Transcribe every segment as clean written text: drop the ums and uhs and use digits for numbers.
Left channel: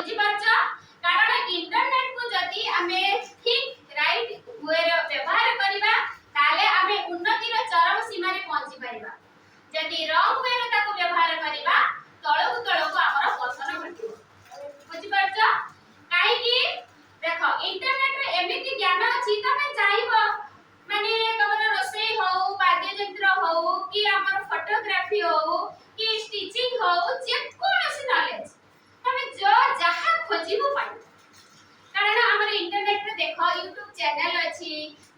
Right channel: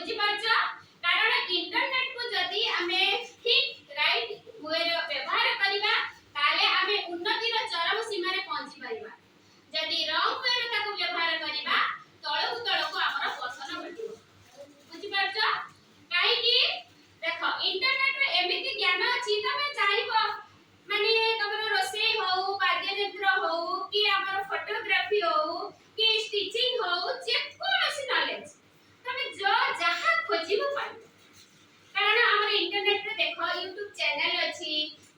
बुझी पारछ कारण इंटरनेट को जदी हमें ठीक राइट वे व्यवहार करिबा ताले हमें उन्नति रो चरम सीमा रे पहुंची परिबा जदी रॉन्ग वे रे ताको व्यवहार करिबा तळकु हमर पतन घटिबो बुझी पारछ काहे कि देखो इंटरनेट रे एमिति ज्ञान अछि तमे चाहबो माने तमर रोसई हो वाद्य यंत्र हो कि हमर फोटोग्राफी हो कि स्टिचिंग हो जे कोनोसी नॉलेज तमे जो जहा खोजिबो पाइ कारण हमर इंटरनेट रे देखो YouTube चैनल अछि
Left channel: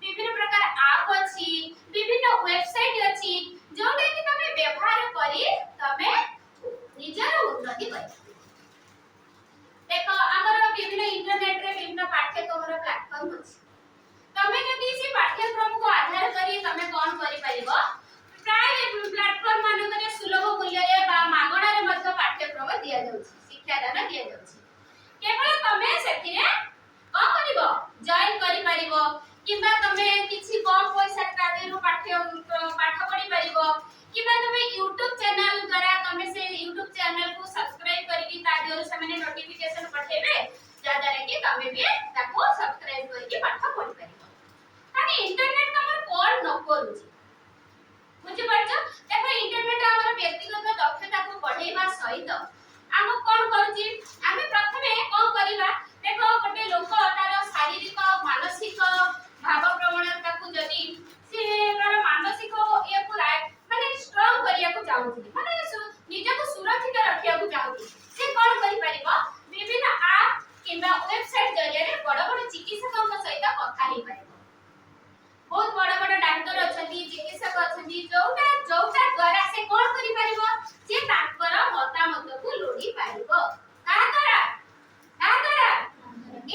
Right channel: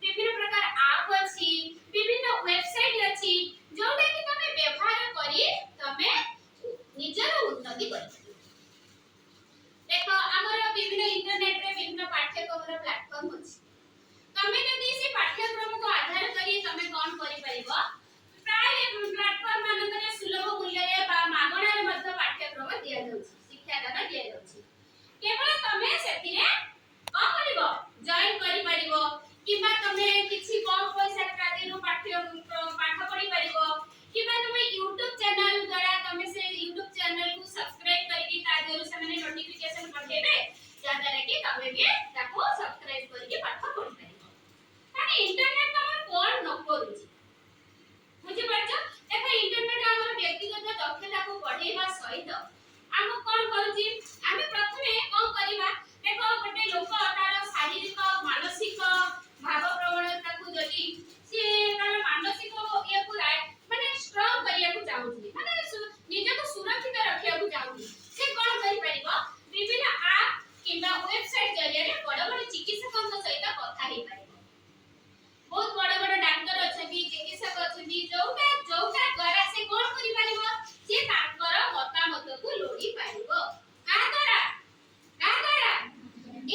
विभिन्न प्रकार ऐप अछि विभिन्न वेबसाइट अछि जोटा कि तमे व्यवहार करी तमे निजर उन्नति करी देखो हमर विभिन्न इंटरनेट रे विभिन्न पाठ्यक्रम रो प्लेटफॉर्म अछि तमे जदी से पाठ्यक्रम को आधार करी तमे कोन करि परिबो प्राय प्लेटफॉर्म मान करे सुलभ मूल्य रे बा मागणा रे मध्य पाठ्यक्रम दिया जाउछि शिक्षादान दिया जाउछि केवल तमे सेतिरे को करिवो जॉइन करि परिवो किबा तमे किछि कम पैसा तादेरु पाठ पढि परिवो किबा तमे YouTube चैनल द्वारा तमे से YouTube चैनल को सब्सक्राइब करिकि तादेरु समेने नोटिफिकेशन पठेबे जादारे कि तमे भी ताको सब्सक्राइब करिकि पाठ पढि परिवो ताने इंटरनेट हमर कोन न करूछि बुझि पारछ देखो इंटरनेट हमर व्यक्तिगत दक्षता को बढ़ेबा सहित हम कोन करूछि आमे प्रथमे कोन करिबा देखो गोटे लोक तार शारीरिक मानसिक भाव प्रवणता को जदी से तार मानसिक ए को माने स्ट्रांग करिया को चाहूछि माने निज को सुरक्षित रखिया को चाहूछि से कोन करि परिबो विभिन्न ऐप किबा वेबसाइट जरिया रे बड़ बड़ चिकित्सक सहित कथा हे परिबो बहुत बड़ बड़ डॉक्टर अछंती चिकित्सक अछंती जोटा द्वारा से कोन करि परिबो जे ताकर मतामत को लोडी पारिबो का द्वारा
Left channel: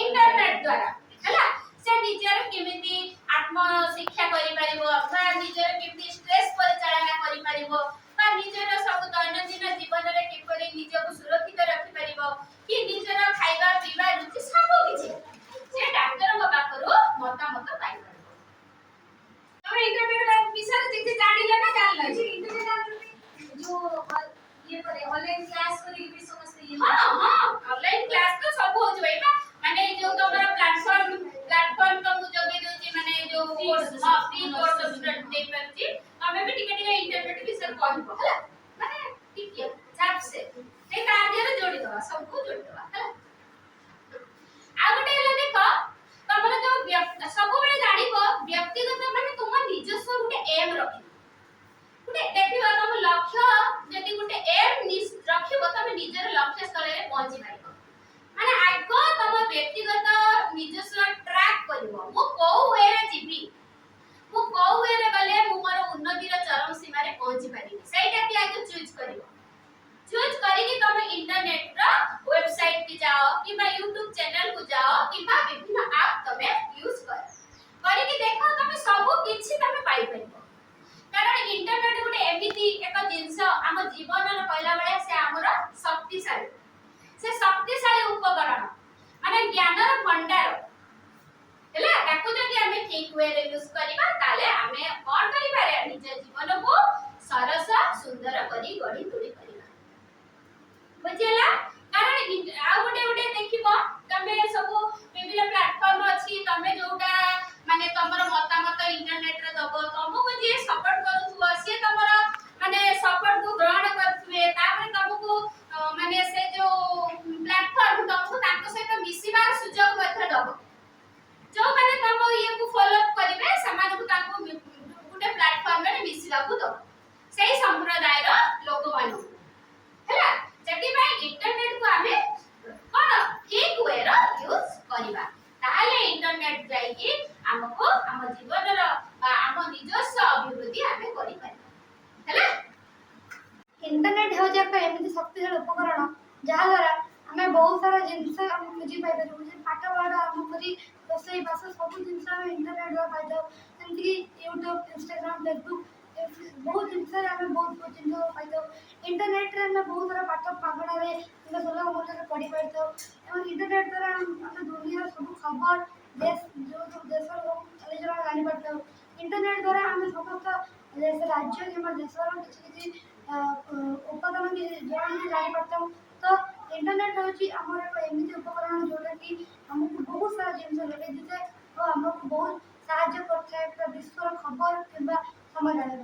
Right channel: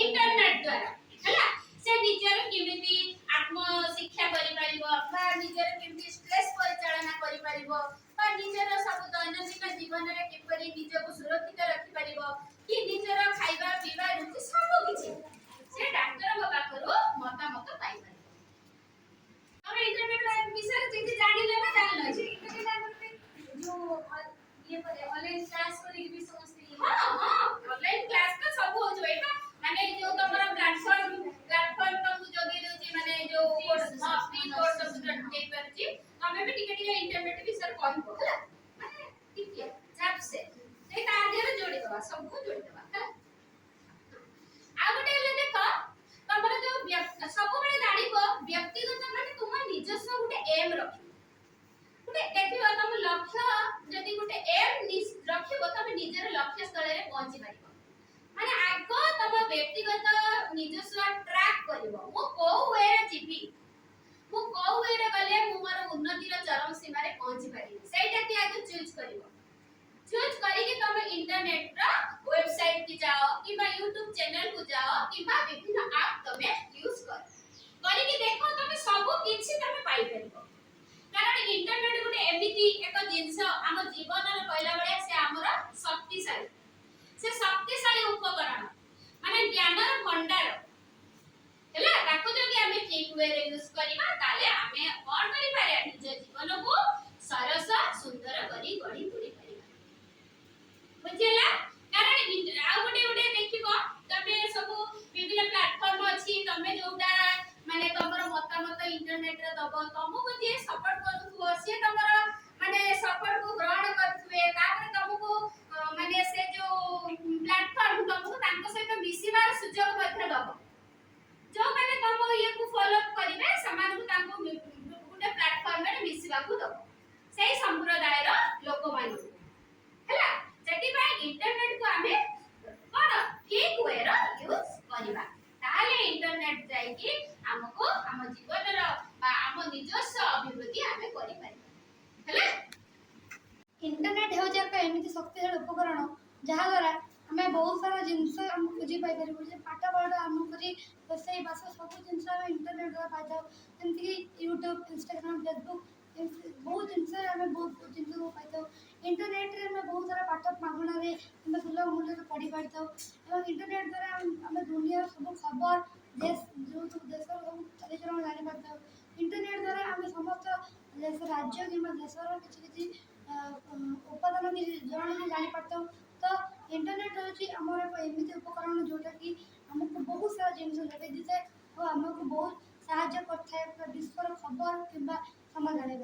इंटरनेट द्वारा हला से निजर केमिति आत्म शिक्षा करि परिबो अथवा निजर केमिति स्ट्रेस परिचालना करि परिबो बा निजर सब दैनंदिन जीवन रे किपरि निज को सुरक्षित रखि परिबो कि निजर खाइबा पीबा रुचि सब किछि से डॉक्टर को पाखरु मतामत पाइ परिबो तमे इंटरनेट विषय जे जानिले ना जानले जे इंटरनेट जो ये पर ऑनलाइन क्लास करी भी समझते ये हां ऑनलाइन क्लास तो सब हो जबे माने जो तोमरा प्लेटफॉर्म तो जगे देउची माने जो हां फ्री कोर्स स्टूडेंट दे परची हमें भी टिके टिके इंटरनेट विषय कहबो हला माने टिके झाप से ते कार्य रे जोड़ी दवा सब को जोड़ी दवा हला आ गोटे हला देखो तमरा जो सब बेले जानिबो व्यक्तिगत माने तुम निजस्व गोटे एम रखि गोटे देखिबो तम लक्ष्य जदी गोटे एम रखिबो तमे निजर लक्ष्य स्थल रे पहुंची पारिबो माने आगो तम व्यक्तिगत निजस्व ट्रैक करिवो मु को वे रे जिबी मु को वे रे गले मु मोर उन्नति रे चरम सीमा रे पहुंची पारिबी सेटा के आगो चूज करिवो चूज करिकि तमे इंटरनेट रो वेबसाइट की जाओ किबा YouTube चैनल को जाओ किबा विभिन्न ऐप तमे यूज करिकि देखो तमे सब किछि तमे पाइ परिबो कारण इंटरनेट गोटे एमिति एक जिंस हम जीवन रे पहिला बेले से हमर शक्तिशाली उपकरण माने ज्ञान रो भंडार हला ताको जदी हमें ठीक वे रे यूज करिबा ताले हमें और करि पारे निज जीवन को सरस सुंदर करी गढ़ी तुड़ी परिबा बुझिला कारण आ गोटे देखिबो तमे सब विभिन्न प्लेटफॉर्म अछि तमे जोटा माने तमरो मतामत इंटरनेट रे दबो तमको जे सपोर्ट करूथुवा से तमरो माने सपोर्ट को ग्रहण करथुवे तापर तमको माने से जो प्लेटफॉर्म तमको तांको सहित मिसिबार सुजोग मध्य दबो जो माने तम ये को फॉलो करिवे समान को तांको गुटे प्लेटफॉर्म रे मिसिबा को दबो सेही संप्रदाय रो लोक मानु हैला जति भाई इंटरनेट को हमें कोन ठीक वे रो यूज करिबा ताले इंटरनेट जाई कि हमको हम जीवन रो हम निजस्व अभिवृद्धि हमें करि पारि हैला इंटरनेट हो जाका एमिति शक्तिशाली उपकरण जहा द्वारा हमें बहुत सारा जिंस हम बुझी पाइ परिबो जे पाठ पढा हम करी रोसई बास सब जिंस हम इंटरनेट द्वारा पाइ जाऊ एमति YouTube Instagram Facebook बहुत जिंस हमें बहुत जिंस पाइ जाऊ इंटरनेट रे हमें बहुत सारा पाठ मागणा रे हम सुलभ मूल्य रे पढी पाइतो एवं इंटरनेट द्वारा हम दुनिया सब खबर देश जो देश रो चले जरा जानि पाइतो इंटरनेट द्वारा हम समस्त देश राज्य किबा देश रो किछि किछि उपादान की जानि पाइतो तो इंटरनेट होची आमर एक एमती उपकरण जोटा कि हमको बहुत सारा जिनस लगे दिए और आमको बहुत साहाଯ୍य करता है विश्वर खबर कि समय जाने